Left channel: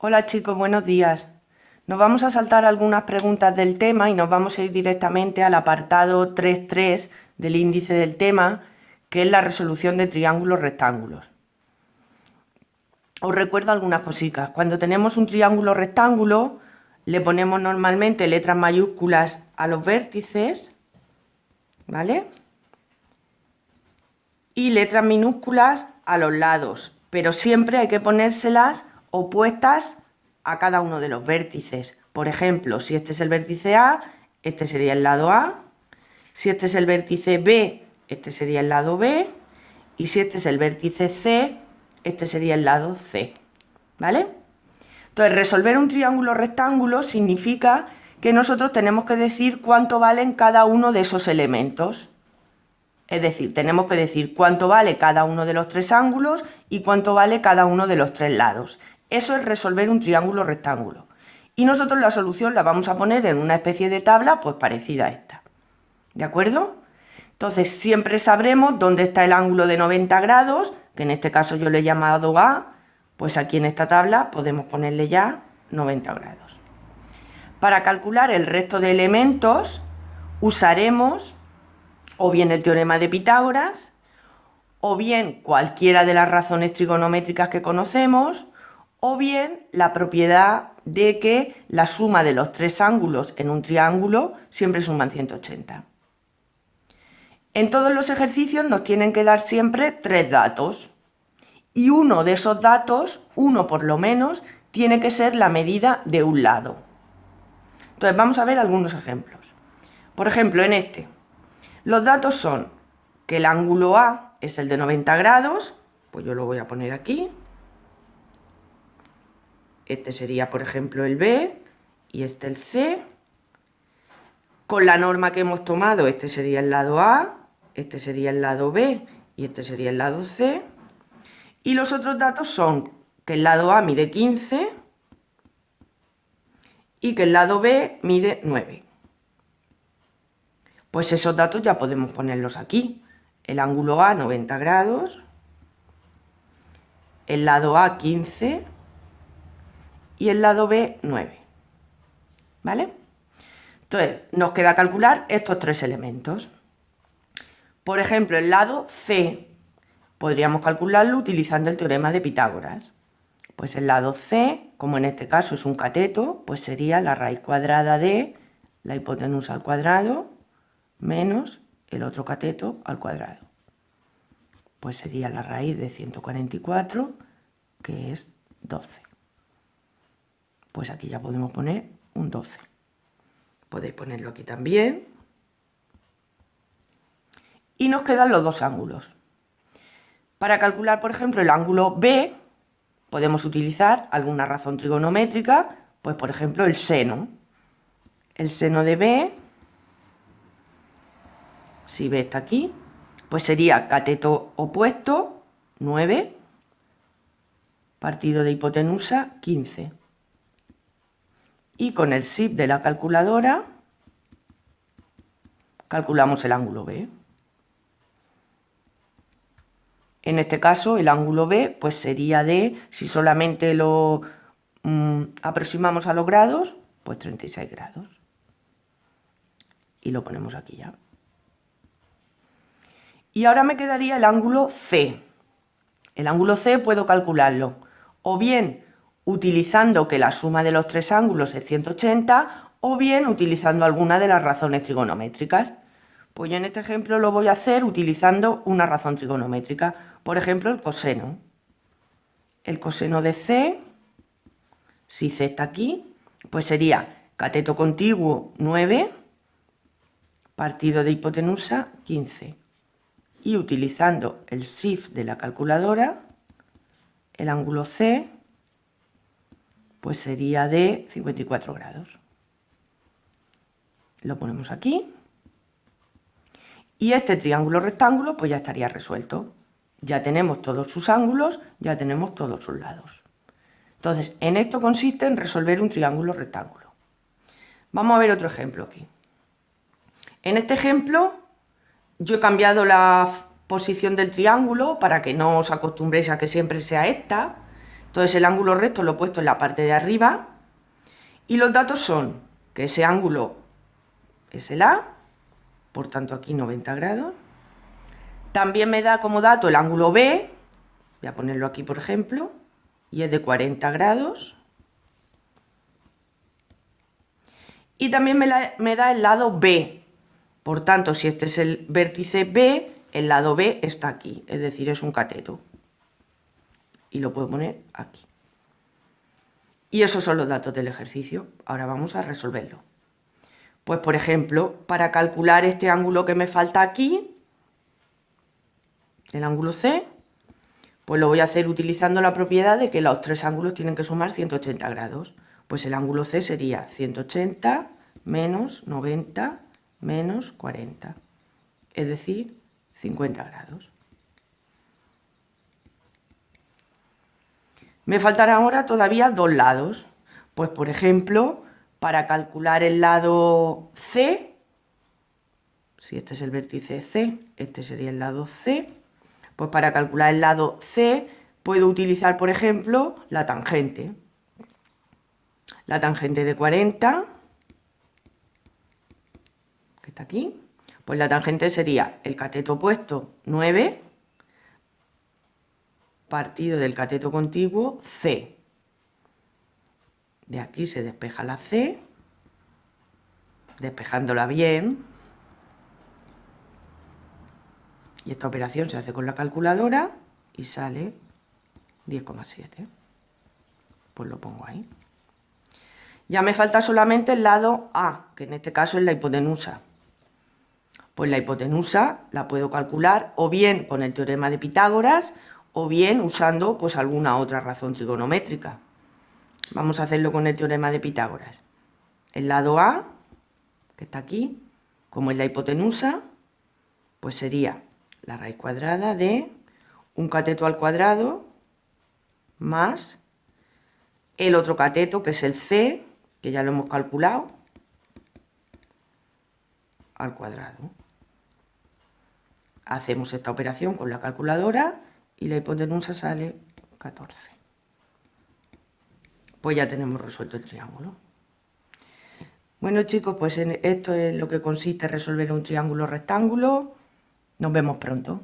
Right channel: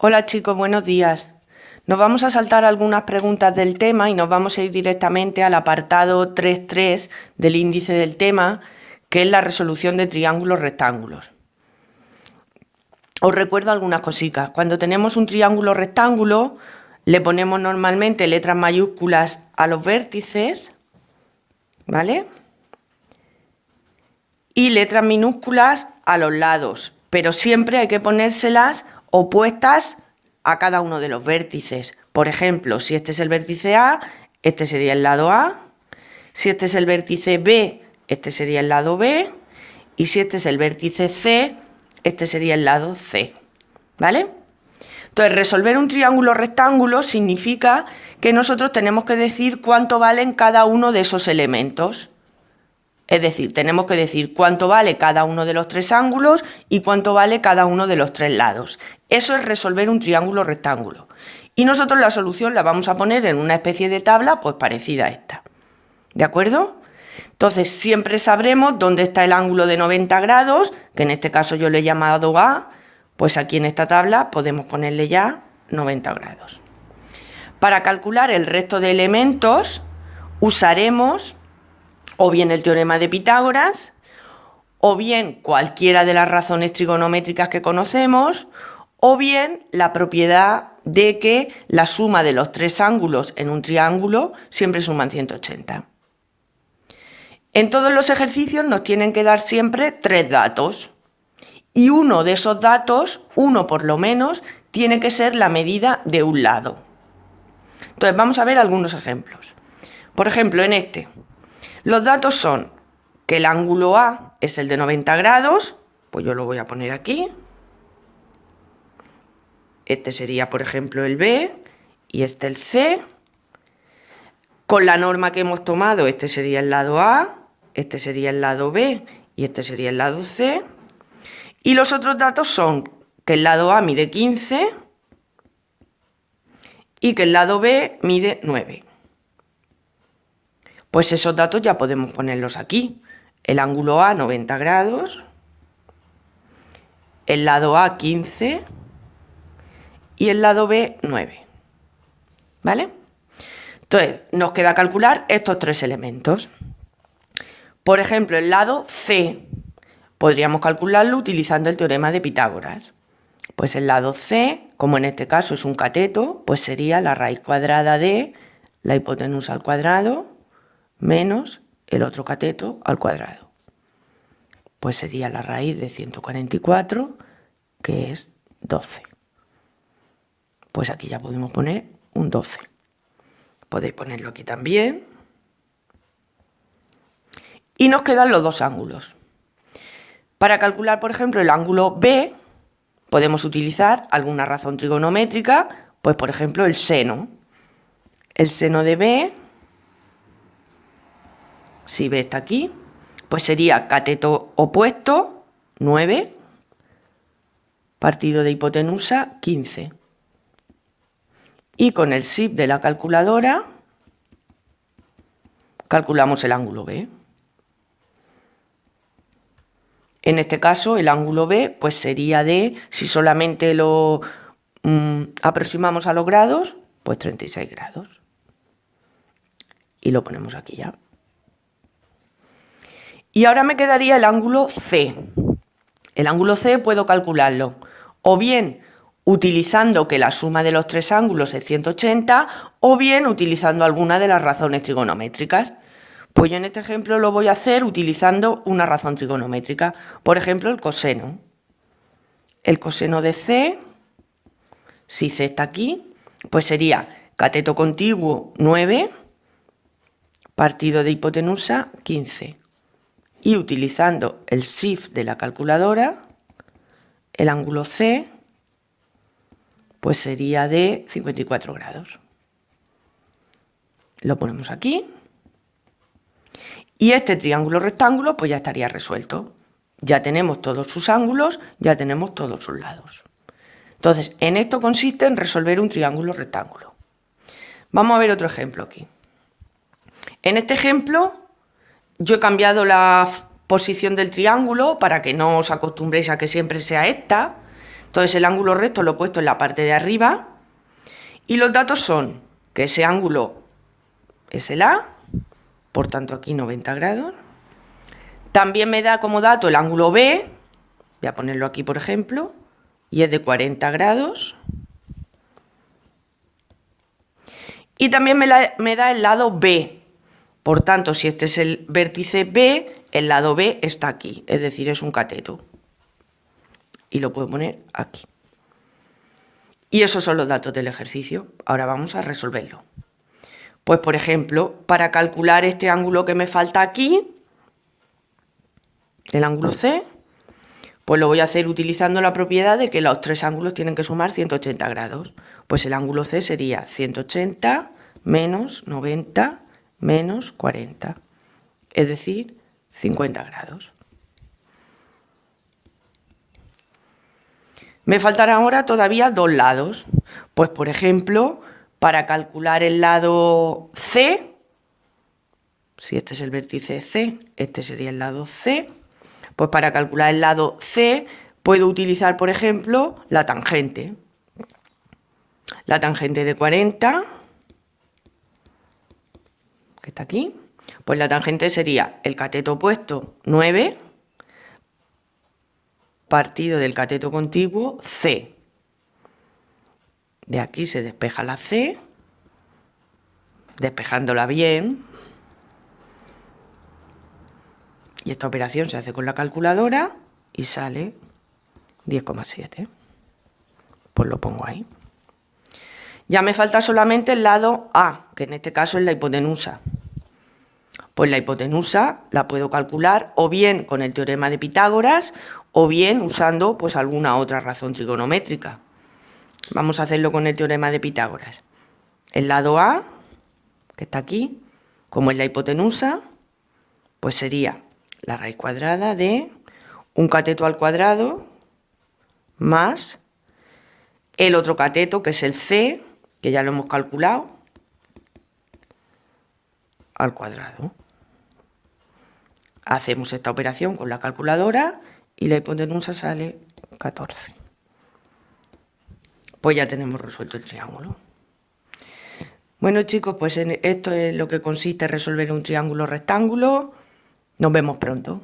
Hola chicos, buenos días. Nos vamos a saltar algunas preguntas del tema y nos vamos a ir directamente al apartado 3.3 del índice del tema, que es la resolución de triángulos rectángulos. Os recuerdo algunas cositas. Cuando tenemos un triángulo rectángulo, le ponemos normalmente letras mayúsculas a los vértices, ¿vale? Y letras minúsculas a los lados, pero siempre hay que ponérselas opuestas a cada uno de los vértices. Por ejemplo, si este es el vértice A, este sería el lado A. Si este es el vértice B, este sería el lado B. Y si este es el vértice C, este sería el lado C. ¿Vale? Entonces, resolver un triángulo rectángulo significa que nosotros tenemos que decir cuánto valen cada uno de esos elementos. Es decir, tenemos que decir cuánto vale cada uno de los tres ángulos y cuánto vale cada uno de los tres lados. Eso es resolver un triángulo rectángulo. Y nosotros la solución la vamos a poner en una especie de tabla pues parecida a esta. ¿De acuerdo? Entonces siempre sabremos dónde está el ángulo de 90 grados, que en este caso yo le he llamado A, pues aquí en esta tabla podemos ponerle ya 90 grados. Para calcular el resto de elementos usaremos o bien el teorema de Pitágoras, o bien cualquiera de las razones trigonométricas que conocemos, o bien la propiedad de que la suma de los tres ángulos en un triángulo siempre suman 180. En todos los ejercicios nos tienen que dar siempre tres datos, y uno de esos datos, uno por lo menos, tiene que ser la medida de un lado. Entonces vamos a ver algunos ejemplos. Por ejemplo, en este, los datos son que el ángulo A es el de 90 grados, pues yo lo voy a poner aquí. Este sería, por ejemplo, el B y este el C. Con la norma que hemos tomado, este sería el lado A, este sería el lado B y este sería el lado C. Y los otros datos son que el lado A mide 15 y que el lado B mide 9. Pues esos datos ya podemos ponerlos aquí. El ángulo A 90 grados, el lado A 15 y el lado B 9. ¿Vale? Entonces, nos queda calcular estos tres elementos. Por ejemplo, el lado C podríamos calcularlo utilizando el teorema de Pitágoras. Pues el lado C, como en este caso es un cateto, pues sería la raíz cuadrada de la hipotenusa al cuadrado menos el otro cateto al cuadrado. Pues sería la raíz de 144, que es 12. Pues aquí ya podemos poner un 12. Podéis ponerlo aquí también. Y nos quedan los dos ángulos. Para calcular, por ejemplo, el ángulo B, podemos utilizar alguna razón trigonométrica, pues por ejemplo el seno. El seno de B, si B está aquí, pues sería cateto opuesto, 9, partido de hipotenusa, 15. Y con el SIP de la calculadora calculamos el ángulo B. En este caso, el ángulo B pues sería de, si solamente lo aproximamos a los grados, pues 36 grados. Y lo ponemos aquí ya. Y ahora me quedaría el ángulo C. El ángulo C puedo calcularlo o bien utilizando que la suma de los tres ángulos es 180 o bien utilizando alguna de las razones trigonométricas. Pues yo en este ejemplo lo voy a hacer utilizando una razón trigonométrica, por ejemplo el coseno. El coseno de C, si C está aquí, pues sería cateto contiguo 9, partido de hipotenusa 15. Y utilizando el SIF de la calculadora, el ángulo C pues sería de 54 grados. Lo ponemos aquí. Y este triángulo rectángulo pues ya estaría resuelto. Ya tenemos todos sus ángulos, ya tenemos todos sus lados. Entonces, en esto consiste en resolver un triángulo rectángulo. Vamos a ver otro ejemplo aquí. En este ejemplo, yo he cambiado la posición del triángulo para que no os acostumbréis a que siempre sea esta. Entonces el ángulo recto lo he puesto en la parte de arriba y los datos son que ese ángulo es el A, por tanto aquí 90 grados. También me da como dato el ángulo B, voy a ponerlo aquí por ejemplo, y es de 40 grados. Y también me da el lado B. Por tanto, si este es el vértice B, el lado B está aquí, es decir, es un cateto. Y lo puedo poner aquí. Y esos son los datos del ejercicio. Ahora vamos a resolverlo. Pues, por ejemplo, para calcular este ángulo que me falta aquí, el ángulo C, pues lo voy a hacer utilizando la propiedad de que los tres ángulos tienen que sumar 180 grados. Pues el ángulo C sería 180 menos 90 menos 40, es decir, 50 grados. Me faltarán ahora todavía dos lados. Pues, por ejemplo, para calcular el lado C, si este es el vértice C, este sería el lado C, pues para calcular el lado C puedo utilizar, por ejemplo, la tangente. La tangente de 40, que está aquí, pues la tangente sería el cateto opuesto 9 partido del cateto contiguo C. De aquí se despeja la C, despejándola bien. Y esta operación se hace con la calculadora y sale 10,7. Pues lo pongo ahí. Ya me falta solamente el lado A, que en este caso es la hipotenusa. Pues la hipotenusa la puedo calcular o bien con el teorema de Pitágoras o bien usando pues alguna otra razón trigonométrica. Vamos a hacerlo con el teorema de Pitágoras. El lado A, que está aquí, como es la hipotenusa, pues sería la raíz cuadrada de un cateto al cuadrado más el otro cateto, que es el C, que ya lo hemos calculado, al cuadrado. Hacemos esta operación con la calculadora y la hipotenusa sale 14. Pues ya tenemos resuelto el triángulo. Bueno chicos, pues esto es lo que consiste en resolver un triángulo rectángulo. Nos vemos pronto.